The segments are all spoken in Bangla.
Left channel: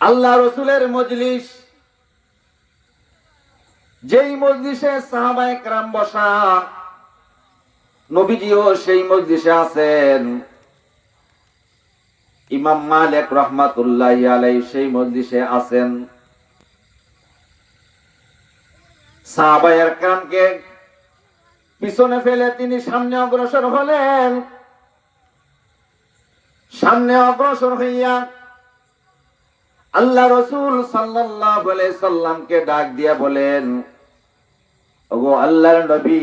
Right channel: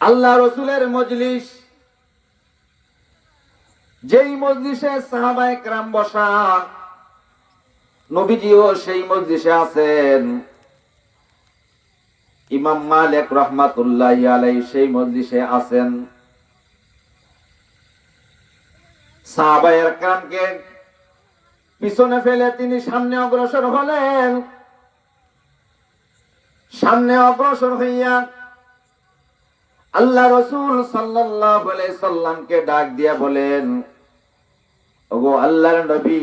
আল্লাহ রসুলের মজলিস, যেই মজলিসে সাহাবায়ে কেরাম বসা, নবীজিও সেই মজলিসে আছেন। ইমাম মালিক রাহমাতুল্লাহি আলাইহি সেই মজলিসে আছেন। সাহাবায়ে কেরামকে পিছনে ফেলে তিনি সামনে অগ্রসর হলেন। সামনে অগ্রসর হইয়া আল্লাহ রসুল সাল্লাল্লাহু আলাইহি সাল্লামকে ডাক দিয়া বলেন, ওগো আল্লাহর নবী,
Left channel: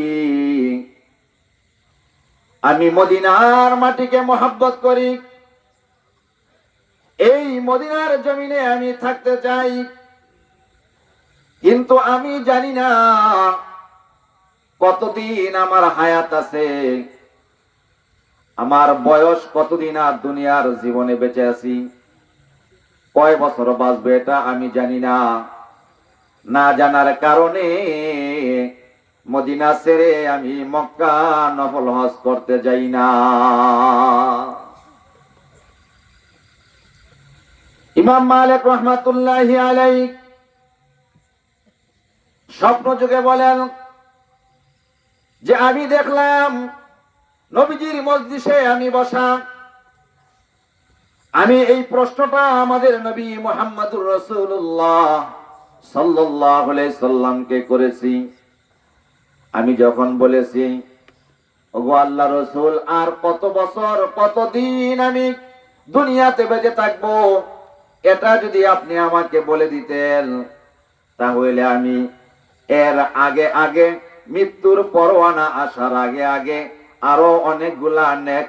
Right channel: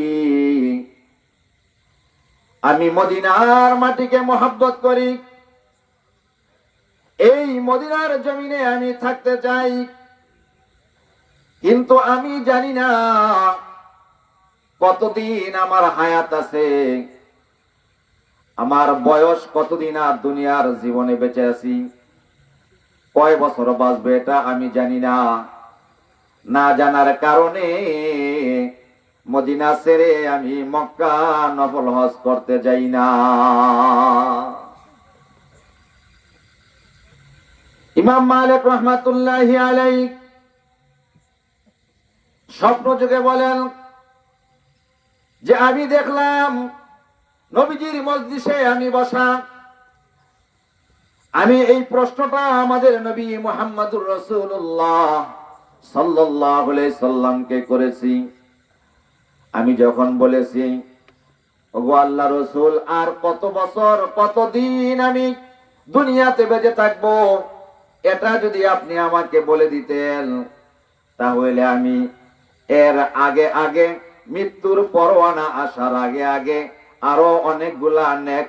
আমি মদিনার মাটিকে মহব্বত করি, এই মদিনার জমিনে আমি থাকতে চাই, কিন্তু আমি জানি না কতদিন আমার হায়াত আছে, আমার বয়স কতদিন আর দুনিয়ার জীবনে বেঁচে আছি, কয় বছর বাঁচবে এটা আমি জানি না। না জানার কারণে মদিনা ছেড়ে আমি মক্কা নফল হজ করতে যাই না। ইমাম মালিক রাহমাতুল্লাহি আলাইহি স্বপ্ন যুগে বলেন যে আমি দেখলাম নবীজির মজলিসে আমি বসা। আমি এই প্রশ্নটা আমাদের নবী মুহাম্মদুর রাসূলুল্লাহ সাল্লাল্লাহু আলাইহি সাল্লামকে করেছি। আমি যখন বলেছি, ওগো আল্লাহ রসুল, আর কত বছর কতদিন আমি দুনিয়াতে বেঁচে থাকবো, এটা যদি আপনি আমাকে বলে দিতেন, তাহলে আমি এর আগে আগে মৃত্যুর পরোয়ানা আসার আগে আগে আরো অনেকগুলা নেক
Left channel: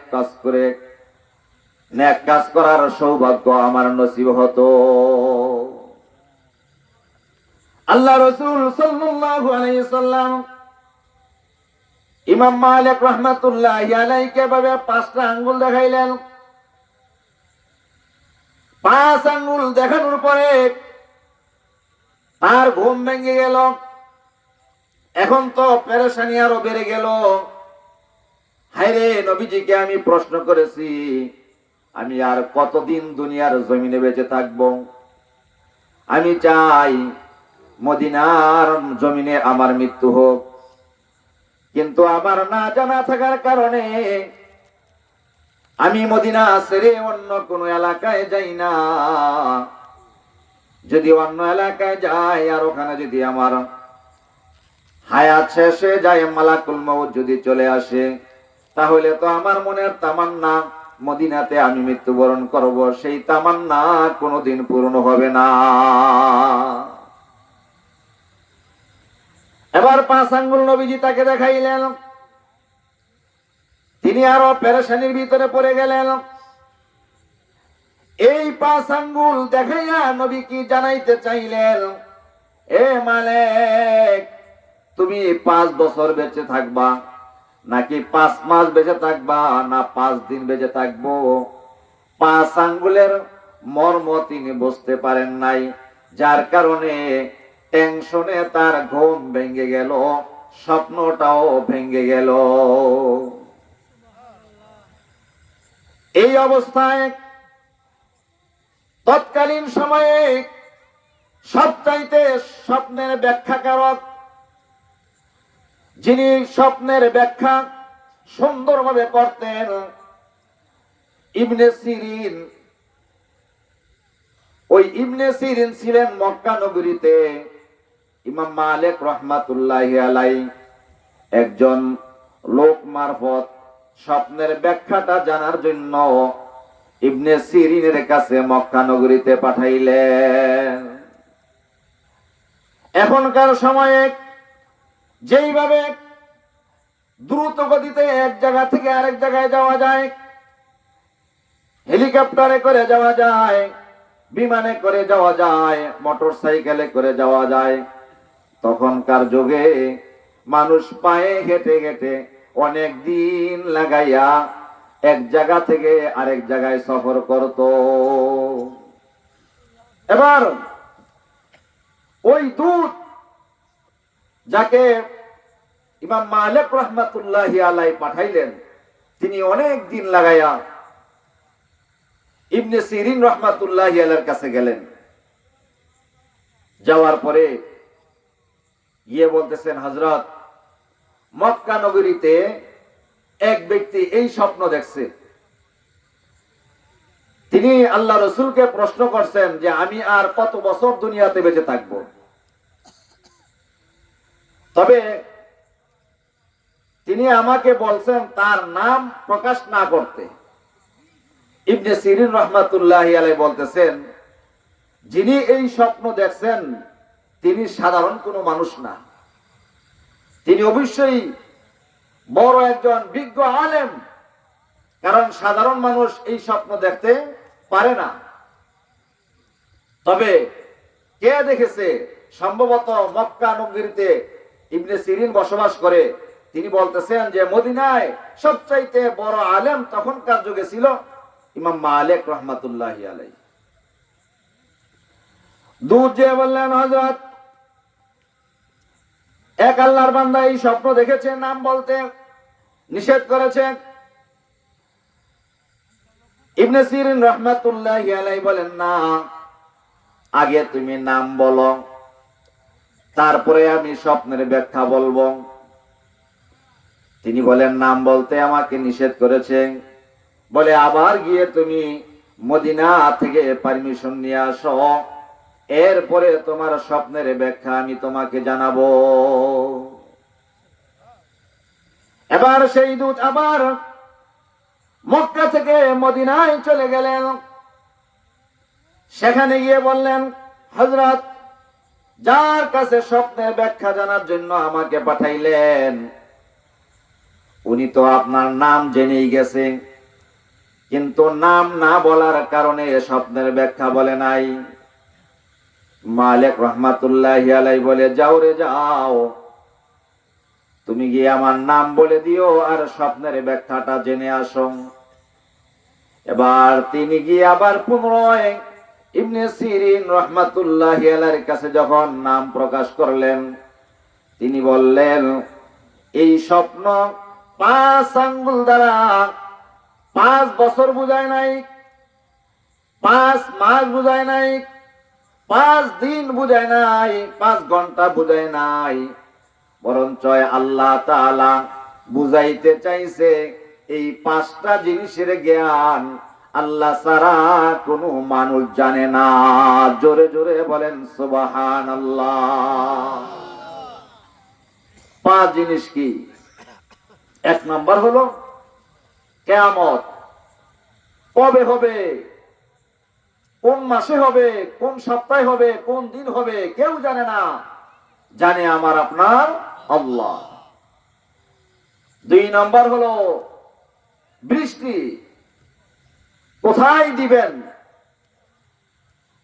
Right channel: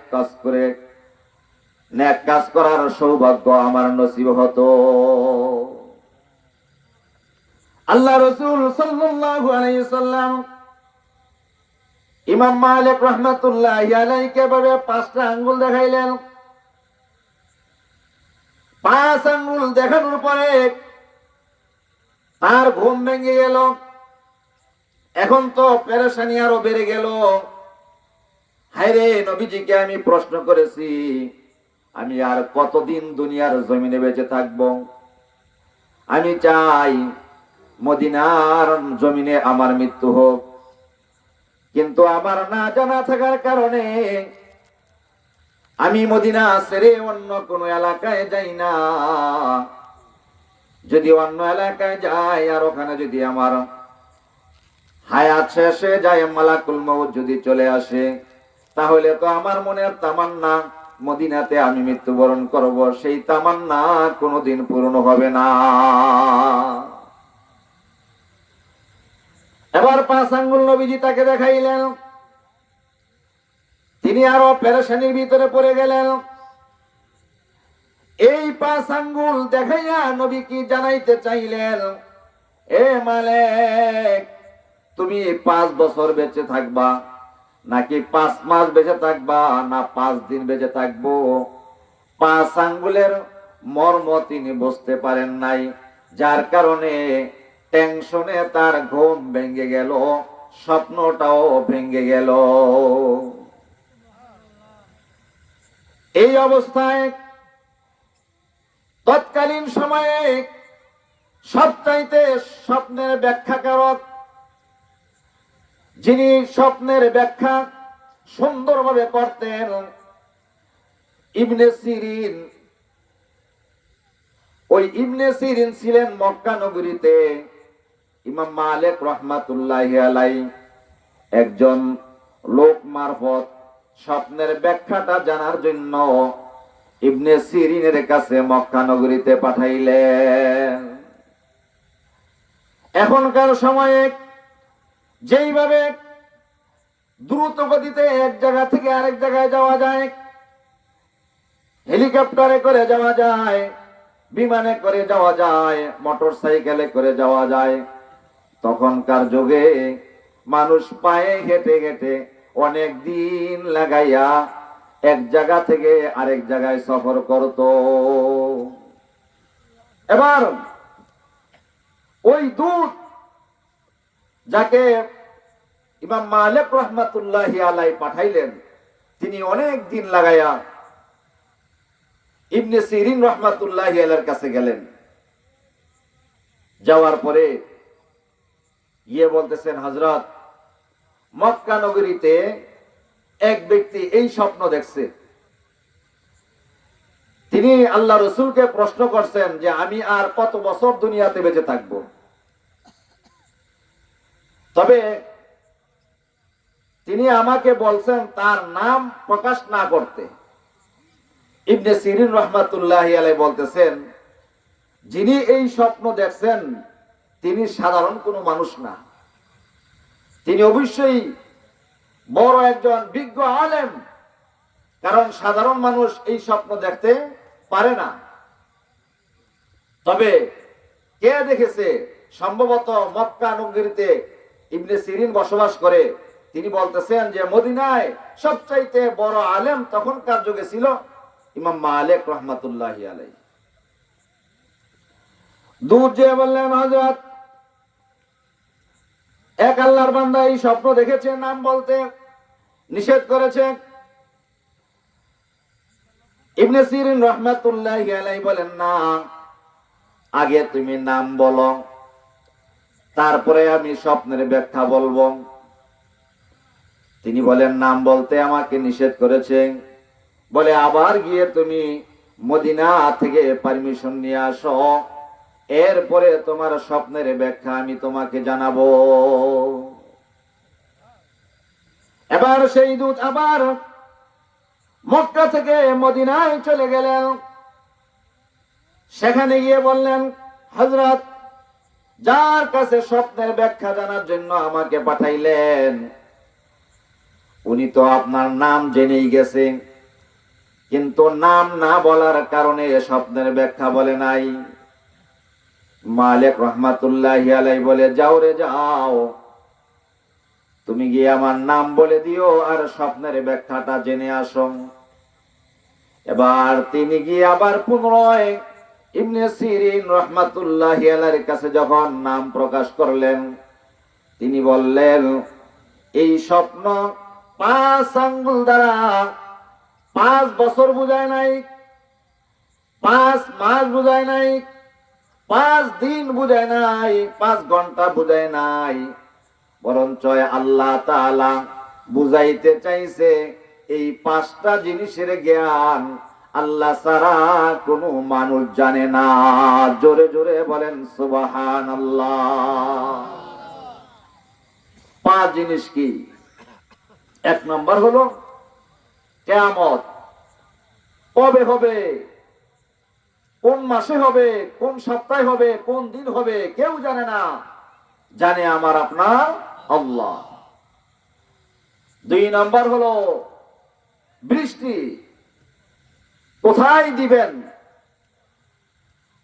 কাজ করার সৌভাগ্য আমার নসিব হতো। আল্লাহ রসুল সাল্লাল্লাহু আলাইহি সাল্লাম ইমাম মালিক রাহমাতুল্লাহি আলাইহিকে ভাবে 5টা আঙ্গুল দেখাইলেন। 5 আঙ্গুল দেখানোর পরে তার ঘুম ভেঙে গেল। এখন তো পেরেশানি আরো বেড়ে গেল। হায়রে, নবীজিকে আমি প্রশ্ন করেছি, আমি আর কতদিন দুনিয়ার জমিনে বেঁচে থাকব? আমি চাই মদিনার জমিনে আমার মৃত্যু হোক, কিন্তু আমার না জানা থাকার কারণে আমি মদিনা ছেড়ে অন্য কোন এলাকায় যাই না। যদি অন্য এলাকায় যাই আর ওখানে যদি আমার হায়াত শেষ হয়ে যায়, মালাকুল মউত যদি চলে আসে, তাহলে তো আমার মনের তামান্না মদিনাতে আমি মৃত্যুবরণ করব, সেই তামান্না কোনোদিন পূর্ণ হবে না। এবার 5 আঙ্গুল নবীজি তাকে দেখাইলেন। তিনি আরো পেরেশানির ভিতরে পড়ে গেলেন। এই 5 আঙ্গুল দেখাইয়া নবী কি জানাইতে চাইলেন, এ মালিক, তুমি 5 বছর বেঁচে থাকবা, নাকি 5 মাস বেঁচে থাকবা, না 5 দিন বেঁচে থাকবো? 5 আঙ্গুলের মর্ম তিনি বুঝতে পারেন নাই, যার কারণে টেনশনে তার ঘুম ভেঙে গেল, স্বপ্নটাও ভেঙে গেল। এই অবস্থায় তৎকালীন সময়ে সবচাইতে স্বপ্নের ব্যাখ্যাকারক, যিনি স্বপ্নের ব্যাখ্যা সুন্দরভাবে করতেন, ইবনে সিরিন। ওই ইবনে সিরিন ছিলেন মক্কা নগরীতে ইমাম মালিক রাহমাতুল্লাহি আলাইহি একজন লোক মারফত স্বপ্নের ব্যাখ্যাটা জানার জন্য ইবনে সিরিনের কাছে মক্কা নগরীতে পাঠাইলেন। এখনকার সময়ে যেইভাবে দ্রুত গতিতে এক জায়গা থেকে আরেক জায়গায় যাওয়া যায়, হেলিকপ্টারে করে যাওয়া যায়, বিমানে করে যাওয়া যায়, মোটর সাইকেলে করে যাওয়া যায়, তখনকার যুগে মানুষ পায়ে হেঁটে হেঁটে অনেক দিন লাগাইয়া এক জায়গা থেকে আরেক জায়গায় সফর করত। এবার ওই দূত যাকে ইমাম মালিক রাহমাতুল্লাহি আলাইহি পাঠাইলেন, তিনি অনেক দিন লাগাইয়া ইবনে সিরিন রাহমাতুল্লাহি আলাইহির কাছে গেলেন। যাওয়ার পরে গিয়ে বলতেছেন, হযরত, মক্কা নগরীতে এক ব্যক্তি এই স্বপ্ন দেখছে। তিনি আল্লাহ রসুলকে প্রশ্ন করছেন যে আমি আর কত বছর দুনিয়াতে বেঁচে থাকব, তবে তিনি আমাকে বলছেন তার নাম প্রকাশ না করতে। ইবনে সিরিন রহমাতুল্লাহি আলাইহি বলতেছেন, যিনি এই স্বপ্ন দেখছেন তিনি সাধারণ কোনো মানুষ না, তিনি অবশ্যই বড় একজন বিজ্ঞ আলেম, কারণ সাধারণ মানুষ এই স্বপ্ন দেখতে পারে না। তবে কে দেখেছে? সম্ভবত মক্কা নগরীতে ইবনে সিরিন বসবাস করে। তিনি বলতেছেন যে মদিনায় সবচাইতে বড় আলেম তখনকার যুগে ছিল ইমাম মালিক রহমাতুল্লাহি আলাইহি। দূর যে বললেন, হযরত, এক আল্লাহর বান্দা এই স্বপ্ন দেখেছে, নাম বলতে নিষেধ করেছে। ইবনে সিরিন রহমাতুল্লাহি আলাইহি বলেন, না, আগে তুমি নাম বলো, তারপরে আমি স্বপ্নের ব্যাখ্যা বলবো। তিনি বলেন, নাম বলতে আমাকে নিষেধ করেছে, বলে আবার গিয়ে তুমি মদিনা থেকে পারমিশন নিয়ে আসো, এরপরে তোমার স্বপ্নের ব্যাখ্যা আমি তোমাকে জানাবো। এবার সেই দূত আবার মক্কা থেকে মদিনায় চলে গেলেন। সেখানে গিয়ে বললেন, হযরত, যার কাছে স্বপ্নের ব্যাখ্যা জানার জন্য আমাকে পাঠাইলেন উনি তো আপনার নাম জেনেই গেছেন, কিন্তু নাম না বলার কারণে স্বপ্নের ব্যাখ্যা বলে নাই। মালিক রহমাতুল্লাহি আলাইহি বলে, যাও রে যাও, তুমি গিয়ে আমার নাম বলে দিও আর স্বপ্নের ব্যাখ্যাটা জেনে আসো। এবার তিনি গিয়ে আবার পুনরায় ইবনে সিরিন রহমাতুল্লাহি আলাইহির কাছে যখন নাম প্রকাশ করলেন, তিনি বললেন, এই স্বপ্ন 5 আঙ্গুল দ্বারা 5 বছর বুঝায় নাই, 5 মাস বুঝায় নাই, 5 দিন বুঝায় নাই, 5 ঘন্টা বুঝায় নাই, বরঞ্চ আল্লাহ তাআলা বুঝাইতে চাইছে এই 5টা জিনিসের জ্ঞান আল্লাহ ছাড়া কোনো মানুষ জানে না। জোরে জোরে বলেন সুবহানাল্লাহ। 5 জিনিস কি? 1 নাম্বার হলো কিয়ামত কবে হবে, কোন মাসে হবে, কোন সপ্তাহে হবে, কোন দিন হবে, কেউ জানে না, জানে আমার আপনার আল্লাহ। 2 নাম্বার হলো বৃষ্টি কোথায় দিবেন।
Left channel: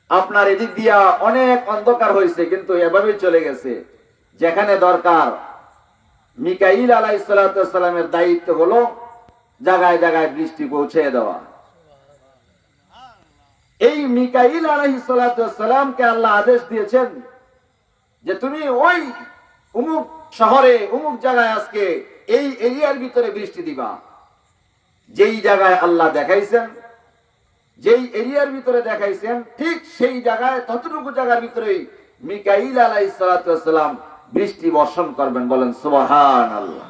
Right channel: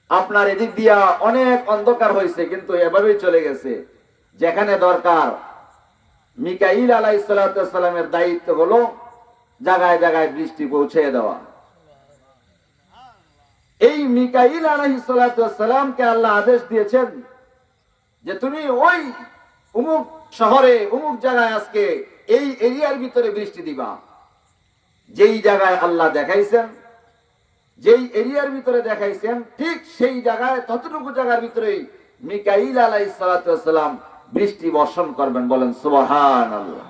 আপনার এদিক দিয়া অনেক অন্ধকার হয়েছে, কিন্তু এভাবেই চলে গেছে, যেখানে দরকার মিকাইল আলাইহিস সালামের দায়িত্ব হলো জায়গায় জায়গায় বৃষ্টি পৌঁছে দেওয়া। এই মিকাইল আলাইহিস সালামকে আল্লাহ আদেশ দিয়েছেন যে তুমি ওই অমুক শহরে অমুক জায়গায় আজকে এই এরিয়ার ভিতরে বৃষ্টি দিবা। যেই জায়গায় আল্লাহ দেখাইছেন, যেই এরিয়ার ভিতরে দেখাইছেন, ঠিক সেই জায়গায় ততটুকু জায়গার ভিতরেই মিকাইল আলাইহিস সালাম বৃষ্টি বর্ষণ করবেন। বলেন সুবহানাল্লাহ।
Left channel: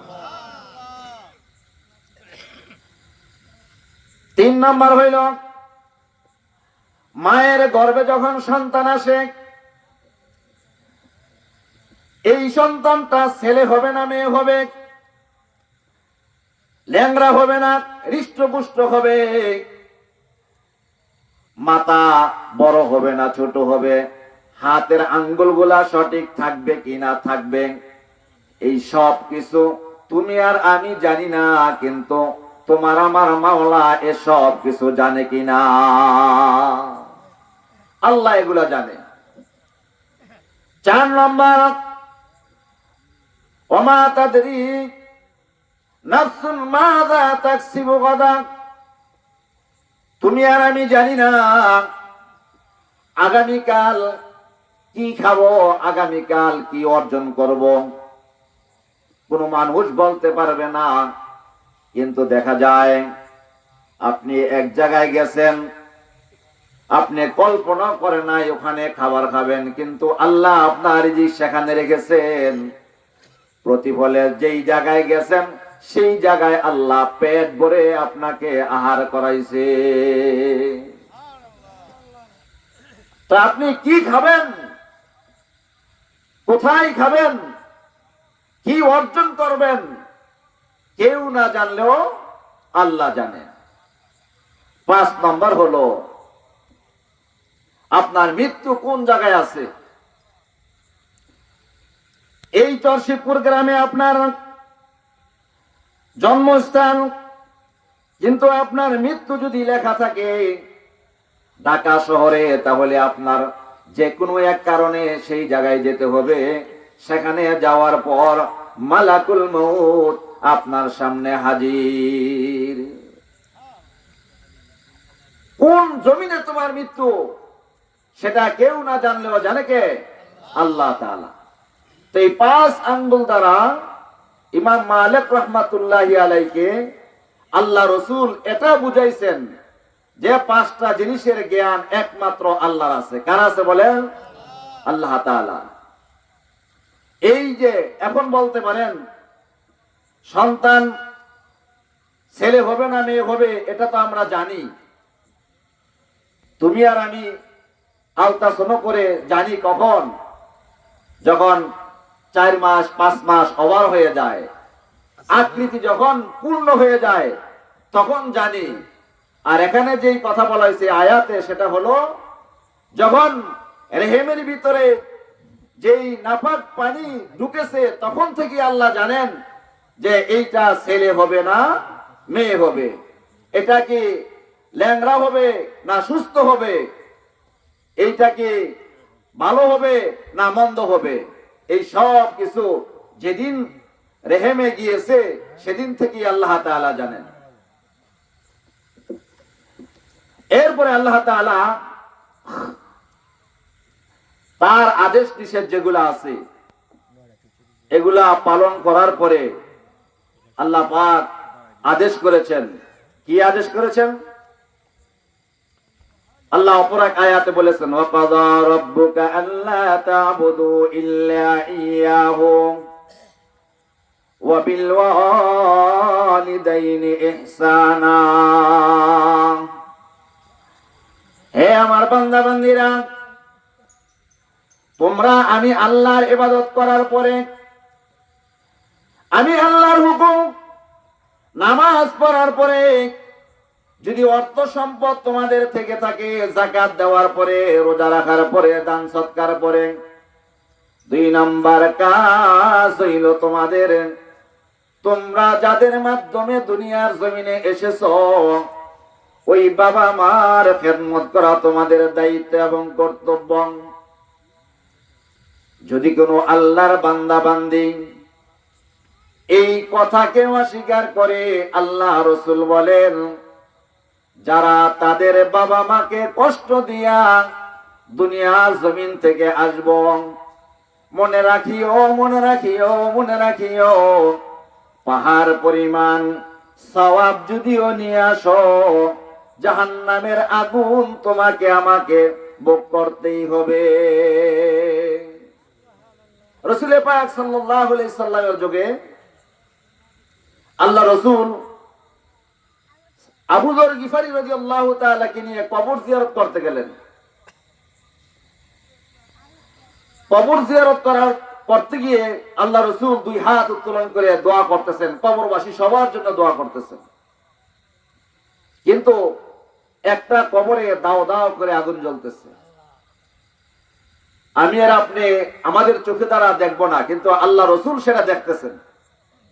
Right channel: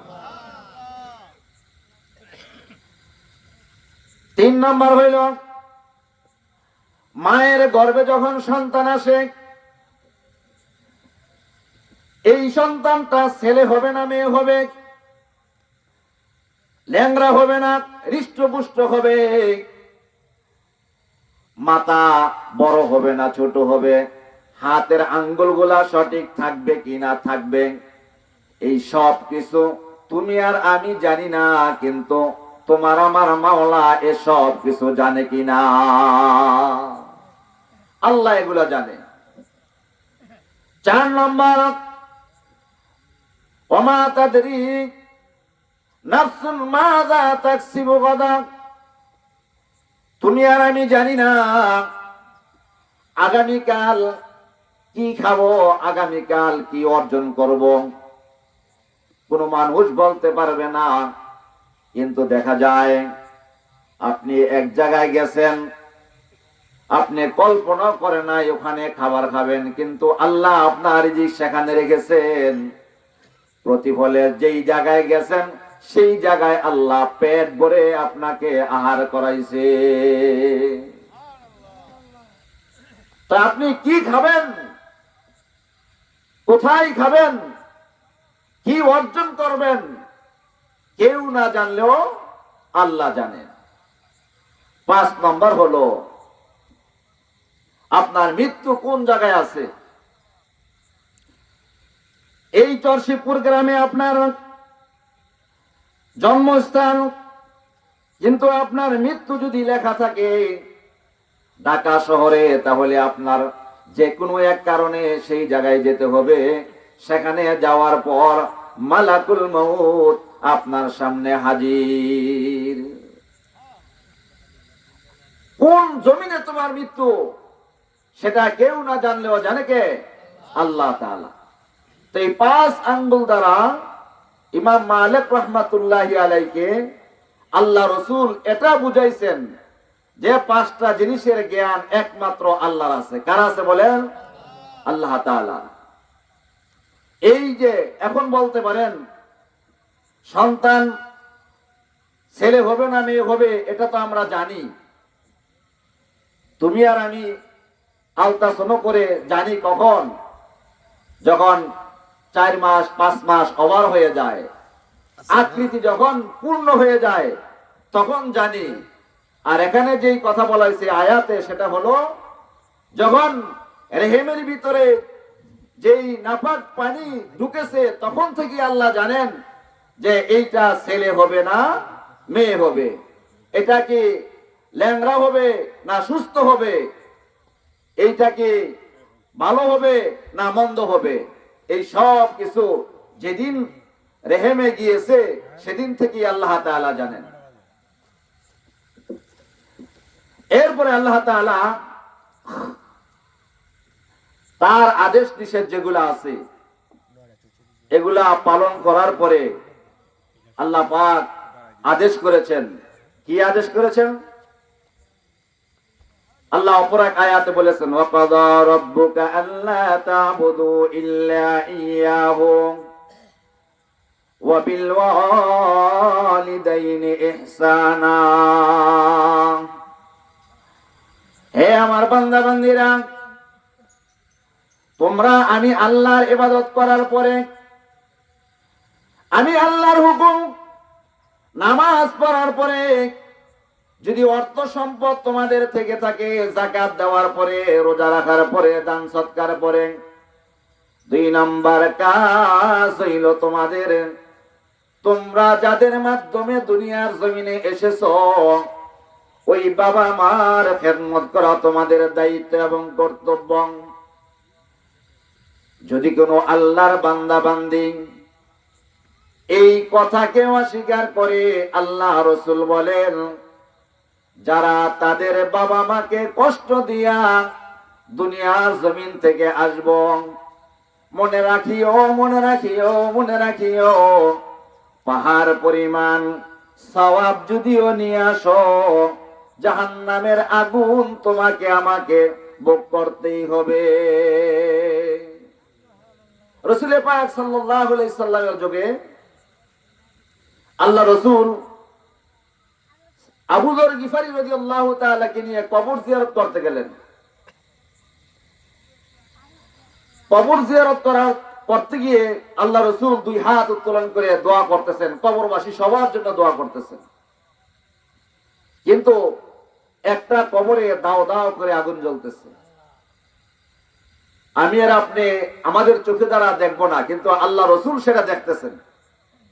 3 নাম্বার হইল মায়ের গর্ভে যখন সন্তান আসে, এই সন্তানটা ছেলে হবে না মেয়ে হবে, ল্যাংড়া হবে না হৃষ্টপুষ্ট হবে, মাথা বড় হবে না ছোট হবে, হাতের আঙ্গুলগুলা সঠিক থাকবে কি না থাকবে, এই সব কিছু তুমি আর আমি জানি না, কিন্তু তোমার আমার মাওলা এসব কিছু জানে কিনা, আল্লাহ এগুলা জানে। 4 নম্বর, ওমা তাদরি নাফসুন মাযা তাকসিবু গাদা, তুমি আর আমি জানি না আগামীকাল কি খাবো, আগামীকাল কি অর্জন করব, কোন মানুষ বলতে পারবে না। কিন্তু দেখা যায় আপনি এক জায়গায় গেছেন, আপনি কল্পনা করে নাই ওখানে খাবার খাবেন, কিন্তু আল্লাহ আপনার রিজিক সেখানে রেখেছেন। প্রতিফলে যেই জায়গায় গেছেন সেই জায়গায় আল্লাহ পেট ভরে আপনাকে আহার করাইছে। তা আপনি কি খাবেন, কোথায় খাবেন, কি অর্জন করবেন, কেউ না জানলেও আল্লাহ জানেন। 5 নম্বর হলো আপনার মৃত্যু কোন জায়গায় আছে। এই চরশিবপুর গ্রামে আপনার জন্মস্থান, কিন্তু আপনার মৃত্যু যদি লেখা থাকে ঢাকা শহরে, তাহলে আপনার যে কোনো এক কারণে সেই জায়গায় যেতে হবে। সেখানে যাওয়ার পর মালাকুল মউত আপনার সামনে হাজির। কোন জমিনে তোমার মৃত্যু সেটা কেউ না জানলেও জানে কে? আল্লাহ তাআলা। তো এই 5 আঙ্গুল দ্বারা ইমাম মালিক রাহমাতুল্লাহি আলাইহিকে আল্লাহ রসুল এটা বুঝাইছেন যে 5টা জিনিসের জ্ঞান একমাত্র আল্লাহর আছে। কার আছে বলেন? আল্লাহ তাআলা। এই যে এখন বলতে পারেন সন্তান ছেলে হবে না মেয়ে হবে, এটা তো আমরা জানি। তুমি আর আমি আলট্রাসাউন্ড করে জানি কখন, যখন 4 মাস 5 মাস ওভার হয়ে যায়, আকৃতি যখন পূর্ণ হয়ে যায় তখন জানি। আর এখানে যেই কথা বলা হয়েছে আয়াতে, সেটা হলো যখন রেহেমের ভিতরে যেই নাপাক পানি ঢুকেছে তখন থেকে আল্লাহ জানেন যে এইটা ছেলে হবে না মেয়ে হবে, এটা কি ল্যাংড়া হবে না সুস্থ হবে, এইটা কি ভালো হবে না মন্দ হবে। এই সব কিছু যেদিন রেহেমে গিয়েছে সেদিন থেকে আল্লাহ তাআলা জানেন। এরপরে আল্লাহ তাআলা তার আদেশ নিষেধ যেগুলো আছে এগুলা পালন করার পরে আল্লাহ পাক আদেশ করেছেন। কি আদেশ করেছেন? আল্লাহ অপর এক আয়াতে বলেছেন, ওয়াকাদা রাব্বুকা আল্লা তা'বুদু ইল্লা ইয়াহু ওয়া বিল ওয়ালিদাইনি ইহসানা। হে আমার বান্দা বান্দীরা, তোমরা আমি আল্লাহর ইবাদত করার পরে, আমি আল্লাহর হুকুম নামাজ পড়ার পরে, যদি অর্থ সম্পদ তোমাদের থেকে থাকে, যাকাত দেওয়ার পরে, রোজা রাখার পরে, দান সৎকার পরে, 2 নম্বর কাজ হইল তোমাদের, তোমরা যাদের মাধ্যমে দুনিয়ার জমিনে এসেছো ওই বাবা মার খেদমত করা তোমাদের দায়িত্ব এবং কর্তব্য। যদি কোনো আল্লাহর বান্দা বান্দি এই কথাকে অস্বীকার করে, আল্লাহ রসুল বলেন যারা তাদের বাবা মাকে কষ্ট দিয়া দুনিয়ার জমিন থেকে আসব, মনে রাখিও মনে রাখিও মনে রাখিও, পাহাড় পরিমাণ সওয়াব যদিও নিয়ে আসো, জাহান্নামের আগুন তোমাকে আমাকে ভোগ করতেই হবে। রাসূল পাক সাল্লাল্লাহু আলাইহি সাল্লামের যুগে আল্লাহ রসুল আবু যর গিফারি রাদিয়াল্লাহু তাআলা কে নিয়ে কবর জিয়ারত করতে গেলেন। কবর জিয়ারত করতে গিয়ে আল্লাহ রসুল 2 হাত উত্তোলন করে দোয়া করতেছেন, কবরবাসী সবার জন্য দোয়া করতেছেন। কিন্তু একটা কবরে দাও দাও করে আগুন জ্বলতেছে। আমি আর আপনি আমাদের চোখে দ্বারা দেখবো না, কিন্তু আল্লাহ রসুল সেটা দেখতেছেন।